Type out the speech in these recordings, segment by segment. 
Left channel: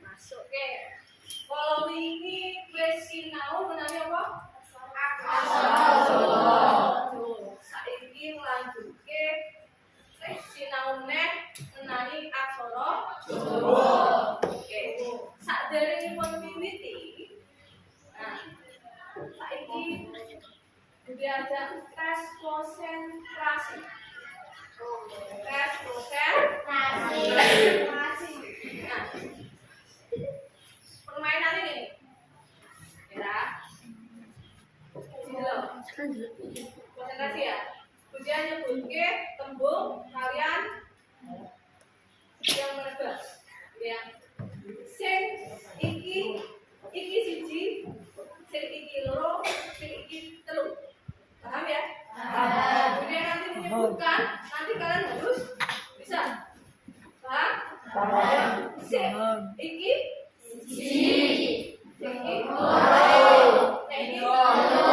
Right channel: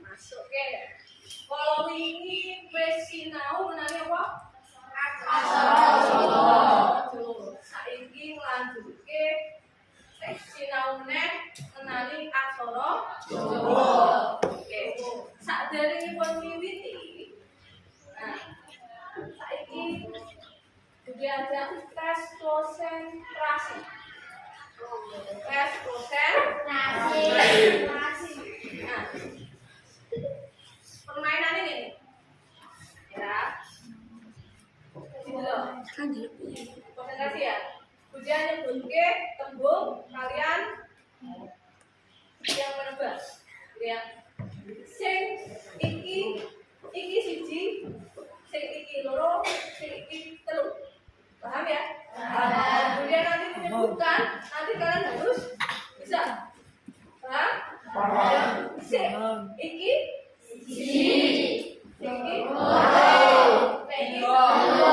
Masuk ke. Kalau wingi wis sinau menani apa? Aksara. Saiki nglanjutke sinau meneh menani aksara Jawa. Oke. Saderengipun miwiti. Nah, saiki diajak tes konsentrasi. Tes konsentrasi. Nah, permainan ini ya. Konsentrasi ya. Kemudian nyebutke tembung kalian yang menebak. Ya. Sing iki siji, sing iki loro, sing iki telu. Paham ya? Paham. Kemudian nanti menyebutkan, nanti kalian harus bisa. Paham? Paham. Sing iki siji, sing iki loro, sing iki telu.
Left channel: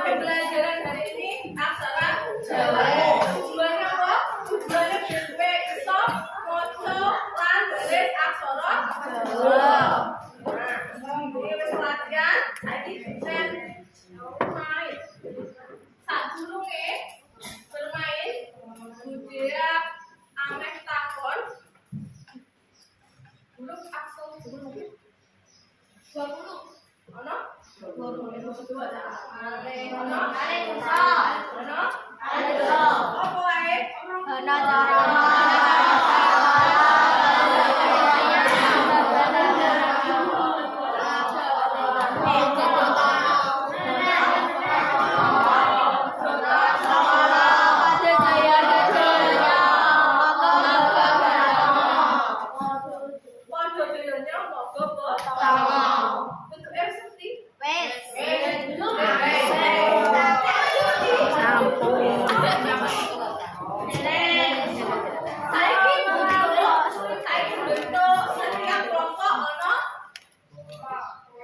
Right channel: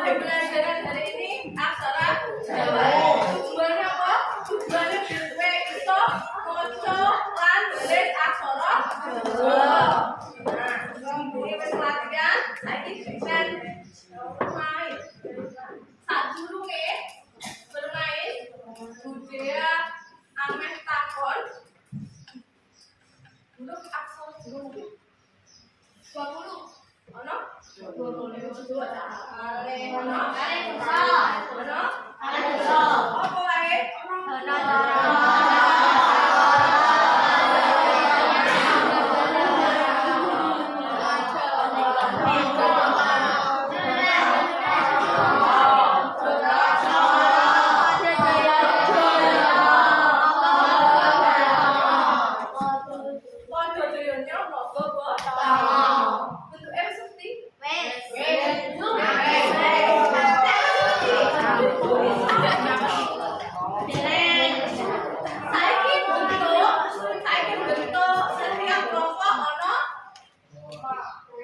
Pembelajaran hari ini aksara Jawa. Tujuannya apa? Tujuannya biar iso maca lan nulis aksara Jawa. Nah, ini wis latihan, saiki bisa main. Sadurunge bermain, budaya ameh takon. Dulu aksara Jawa 20. Ono? 20. Apa wae?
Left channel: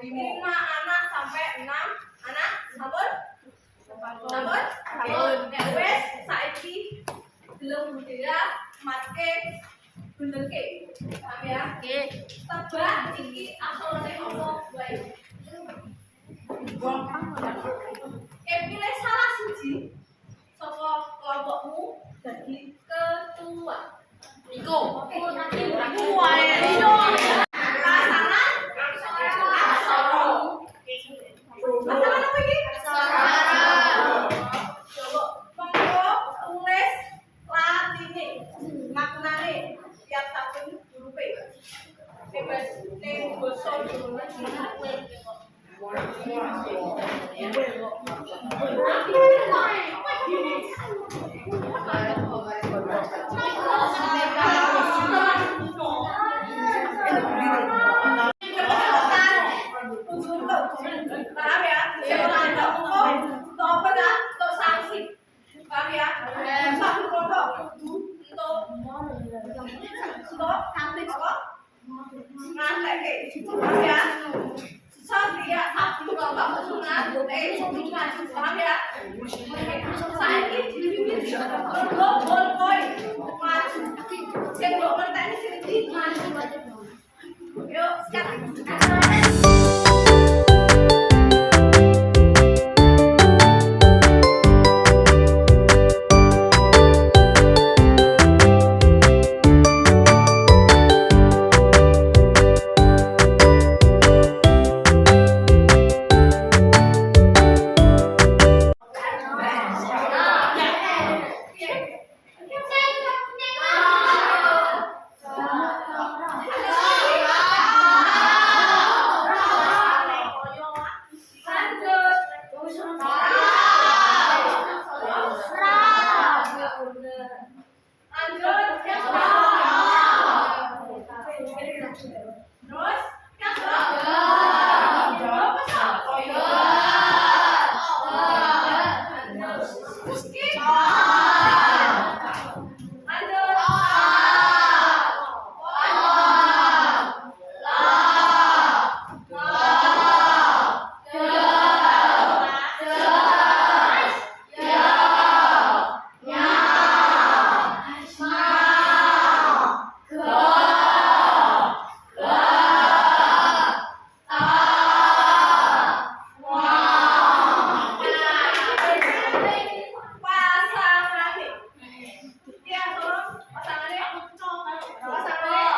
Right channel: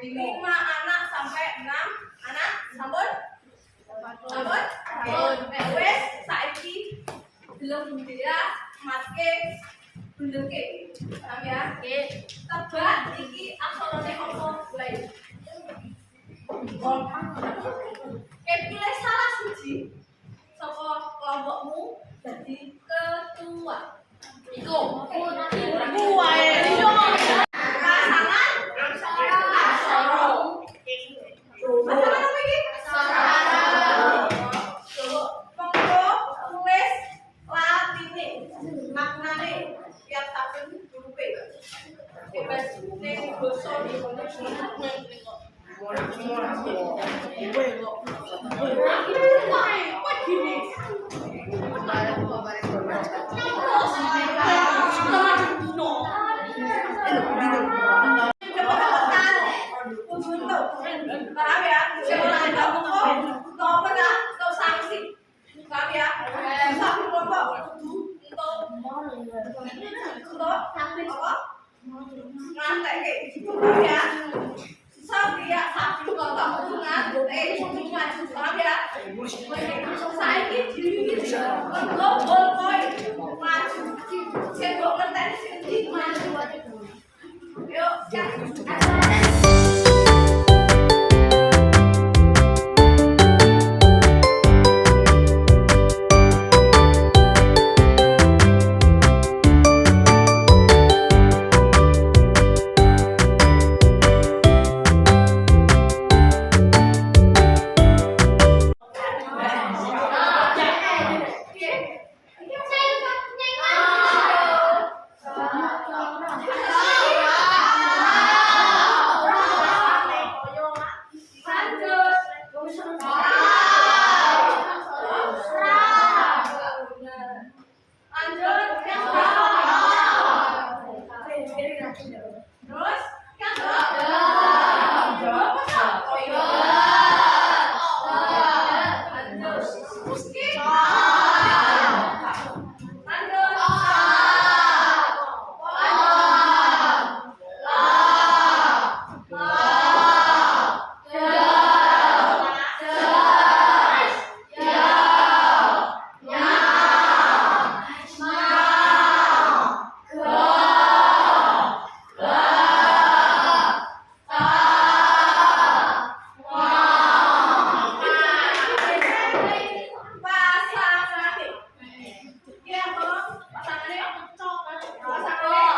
Lima anak sampai 6 anak, sampun? Wes saiki belum budaya matke benerke. Paham ya? Tebak iki aksarane apa wae. Pilih salah siji saka kelompokmu dadi ketua. Iku wae. Paham ya? Sekolah itu apa ya? Untuk sanksi. Paham ya? Satu kelompok untuk apa? Ngantek. Paham ya? Satu kelompok ngantek. Paham ya? Saya ini bol koin maju. Sendok ngantek sini maju. Yuk, lanjut.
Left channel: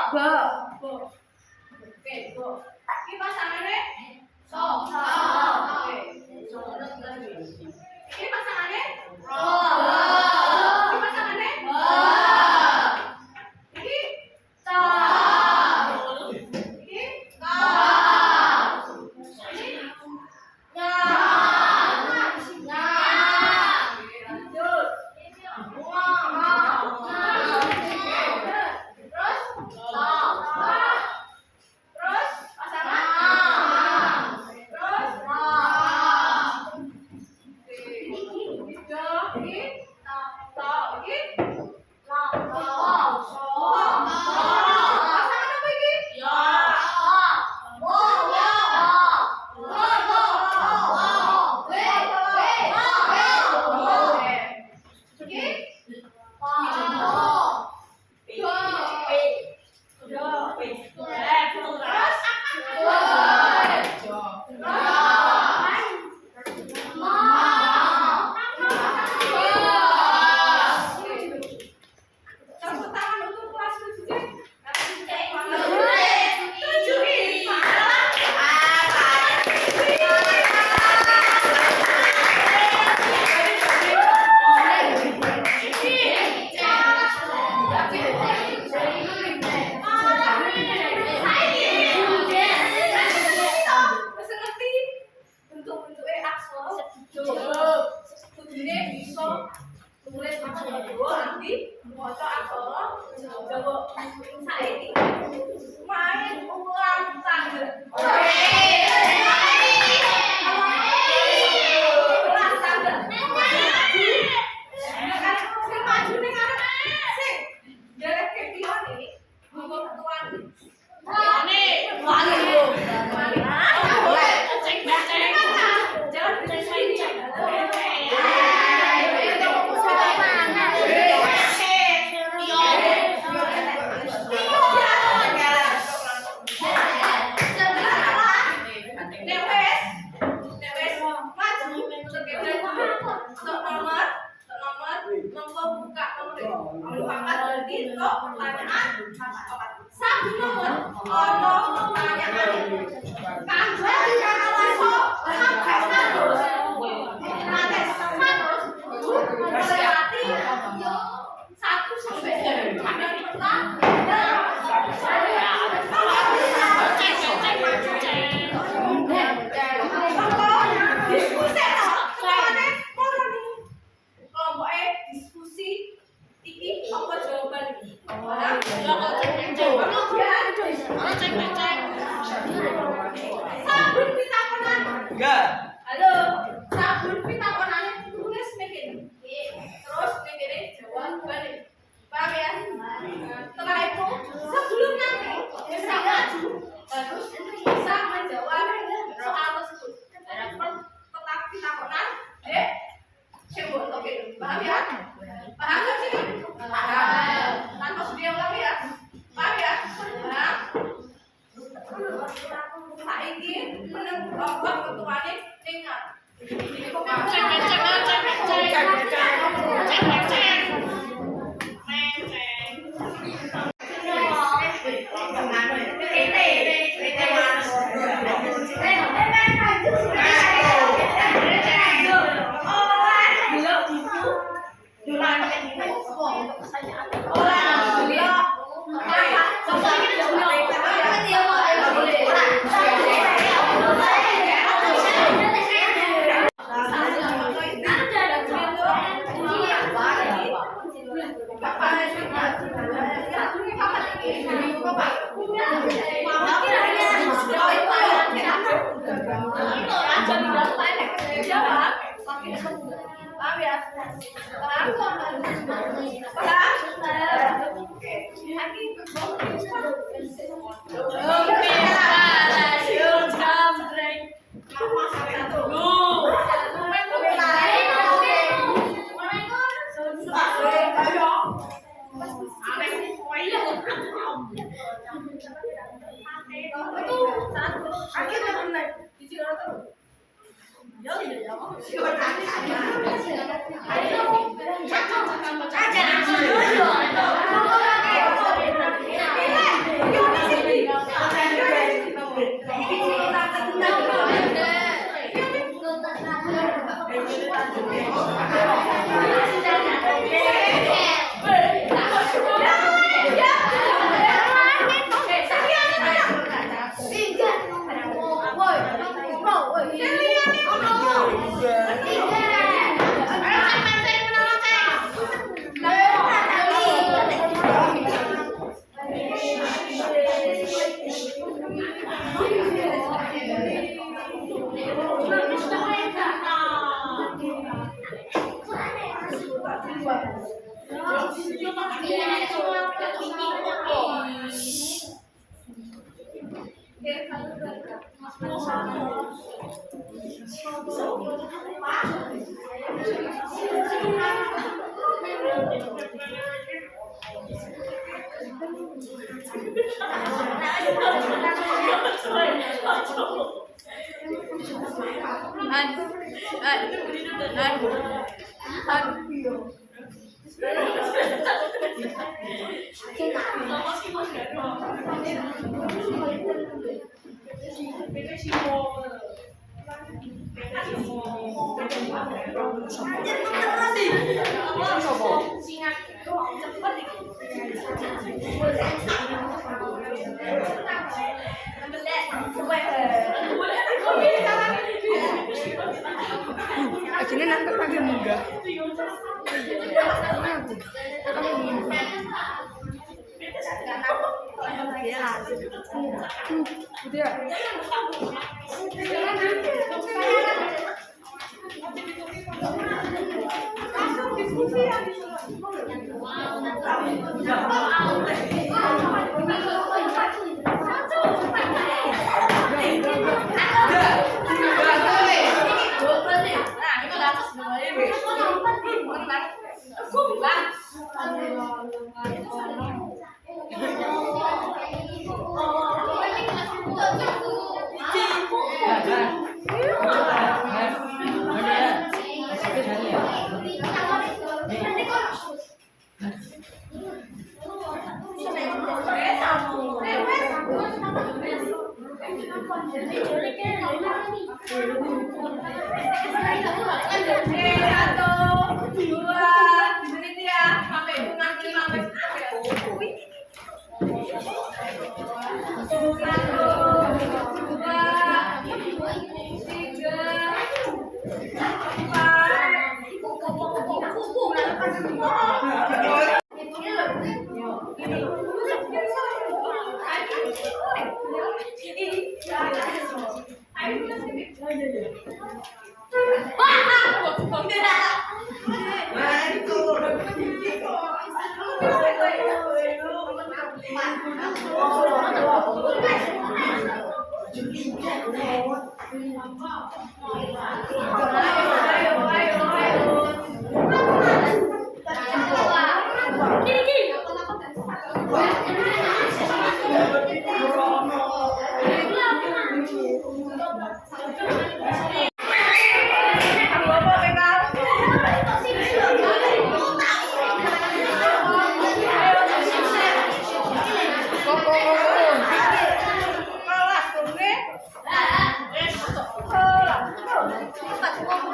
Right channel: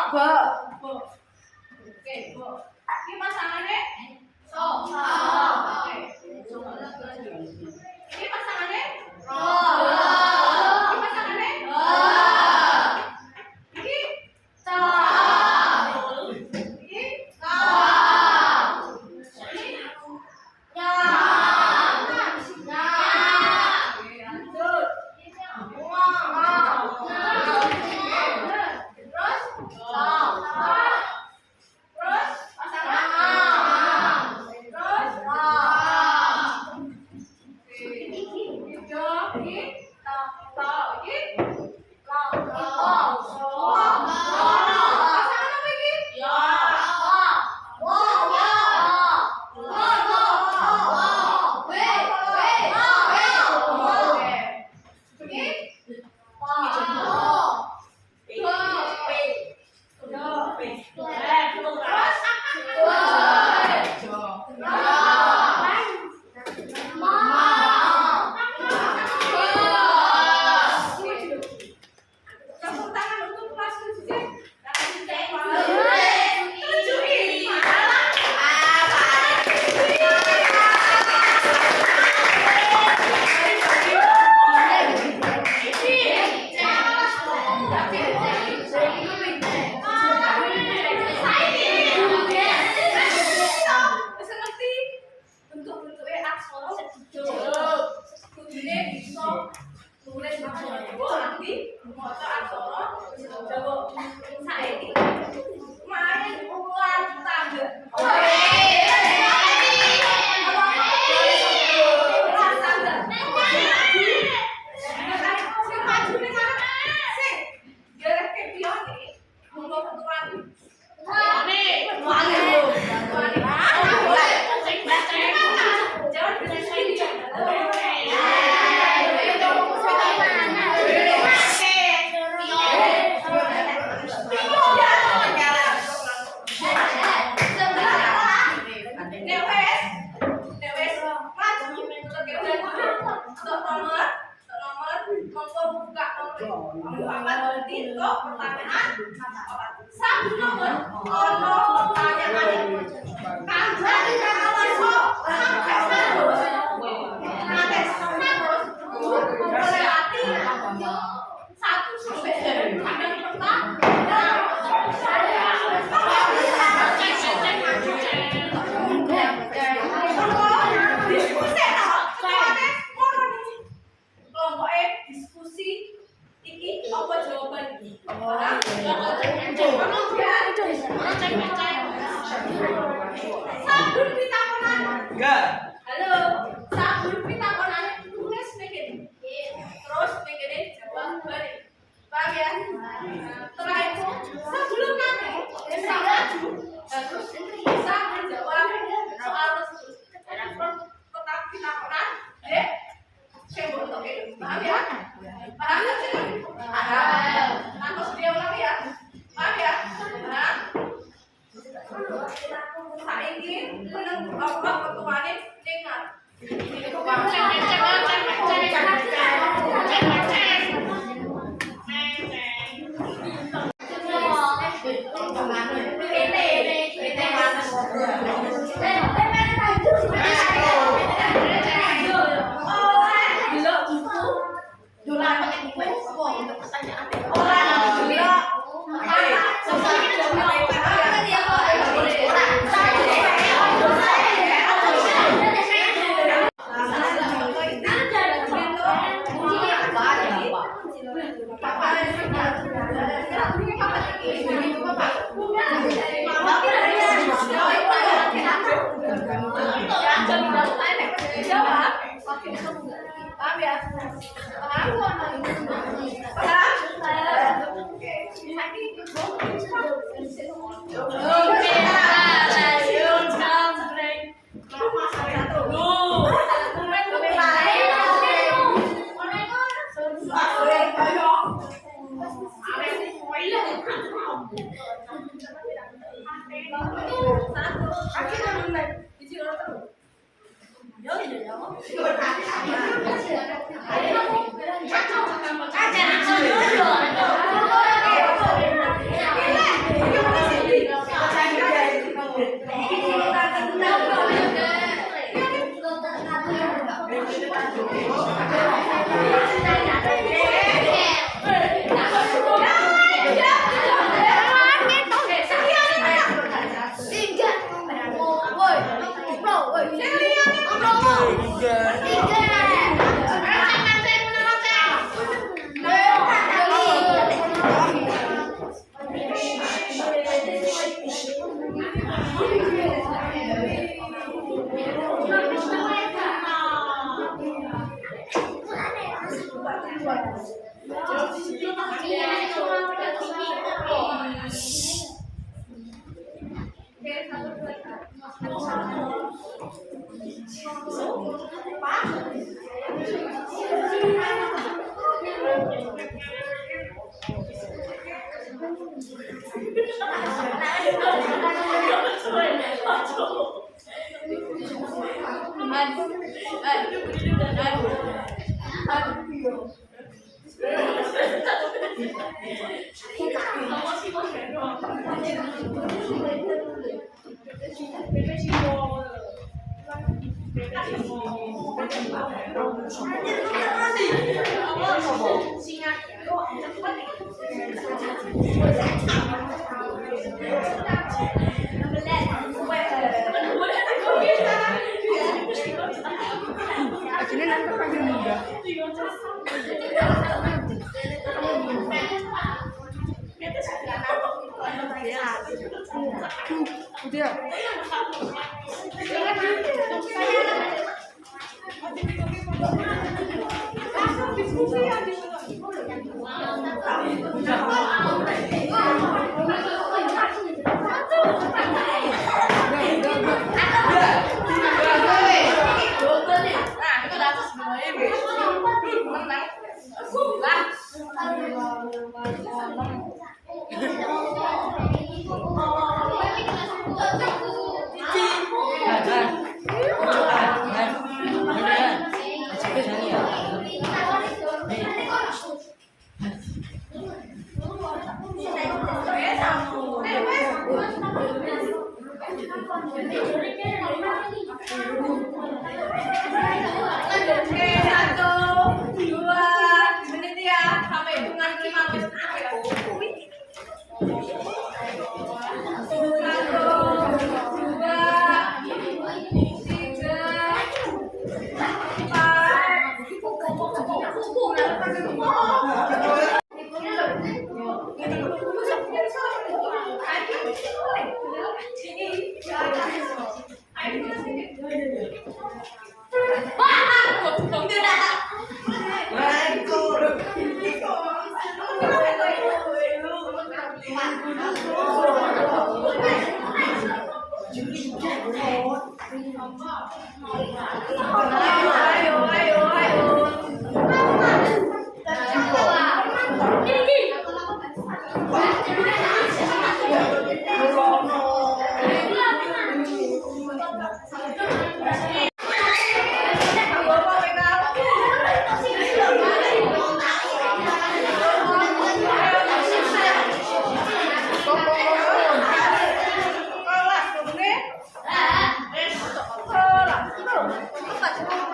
Be. Oke, bo. Ini pasangannya so. Oke. Ini pasangannya ro. Ini pasangannya ini ta. Ini ka. Ini nya. Nya. Oke, lanjut. Terus terus pasangan terus tepuk tangan untuk kelas 7. Tulis aksara Jawa nanti foto aksara Jawa saiki main ulang tangga. Ulang tangga. Sing maju ning ngarep sing dereke pione monggo ketuan. Wani. Jangan sini. Pertanyaan satu nomor pertanyaan kanggo sampai 100 melewati 1 sampai ada diskusi iki apa jawaban iki? Sabun pitakonan. Enggak. Halo, sabun pitakonane tulis ning kene. Terus ning kene jawabane. Paham ya? Setelah itu sebelum nanti bisa maju harus bisa menjawab soal tersebut. Tetap pitakonan, sing mbok toke. Paham ya? Paham gak sih? Paham. Tanpa sedia ulangi ya. Paham ya? Paham. Saiki meneng apa ketuane dengar. Ini kok paham ya? Paham? Paham? Oke. Lagi Akhirnya nangkep kagak muda. Udah. Kelas,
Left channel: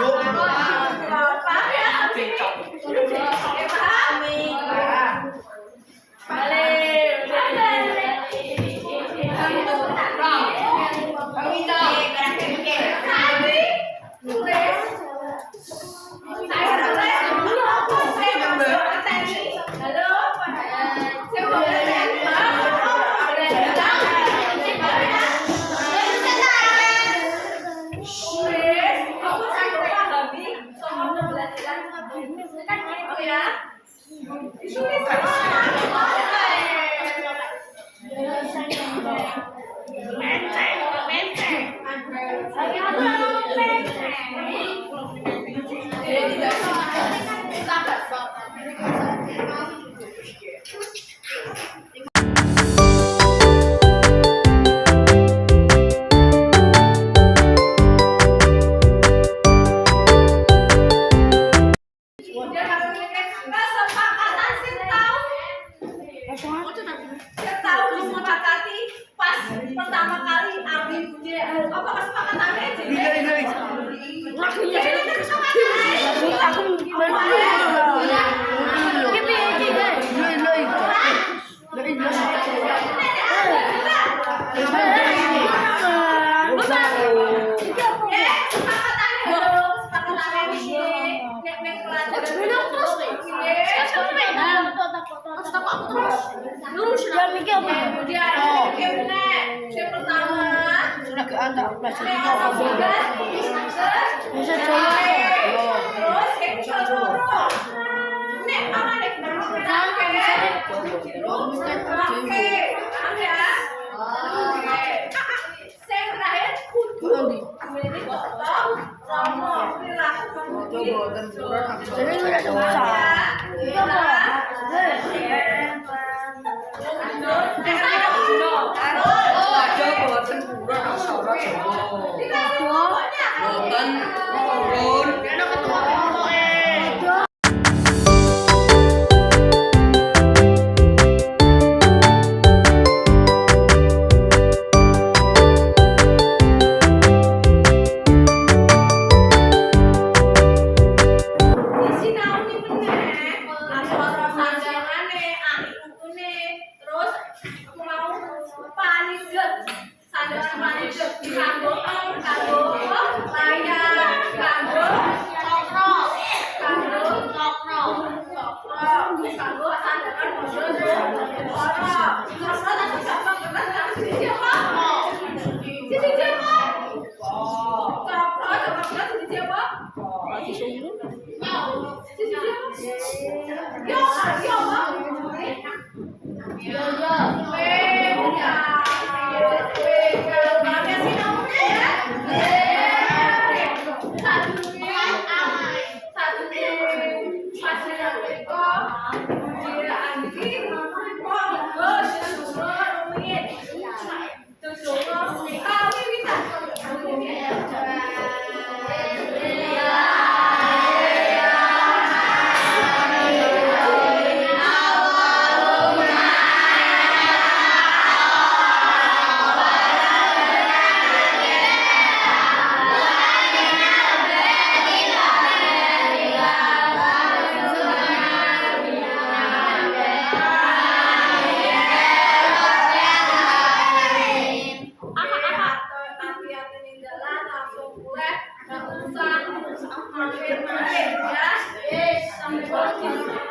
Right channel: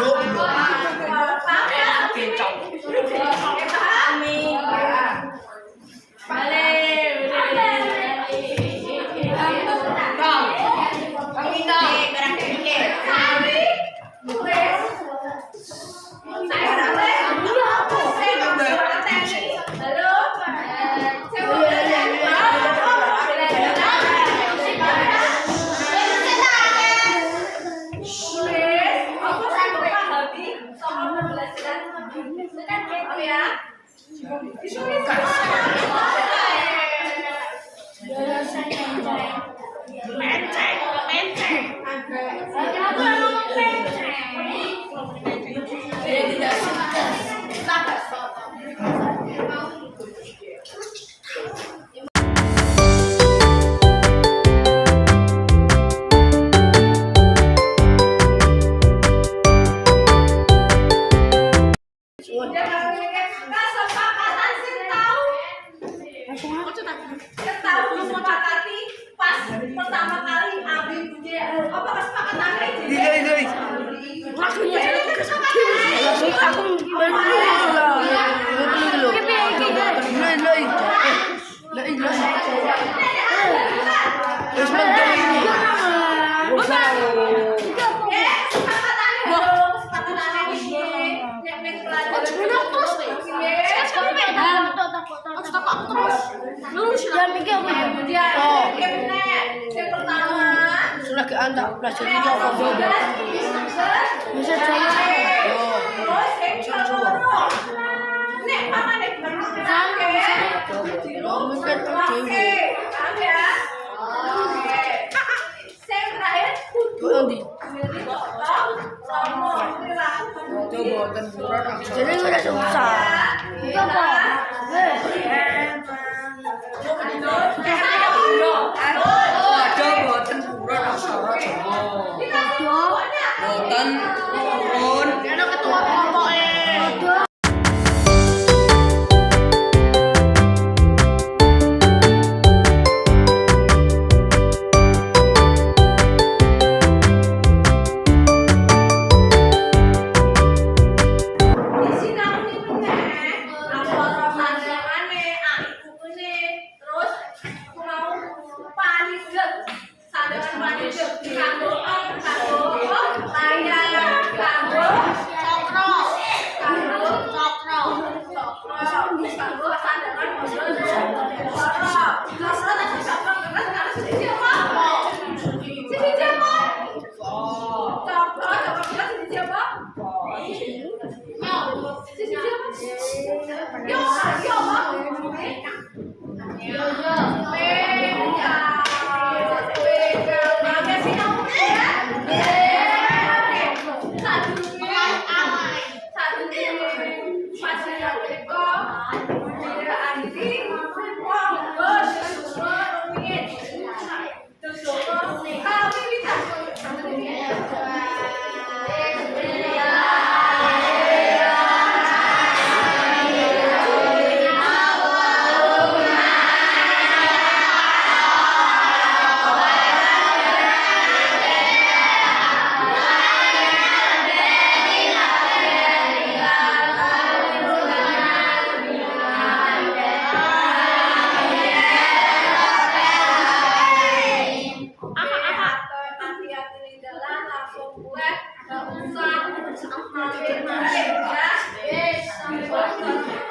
Paham ya? Oke, paham? Balik, kesepakatan sih tahu. Saya tahu disepakati pas pertama kali ambil budi apa kesepakatannya jadi. Lagunya aku Sudah ke anda, belajar bisa coba. Terus yang kedua, nek mama nek jadi tidak susah. Sampai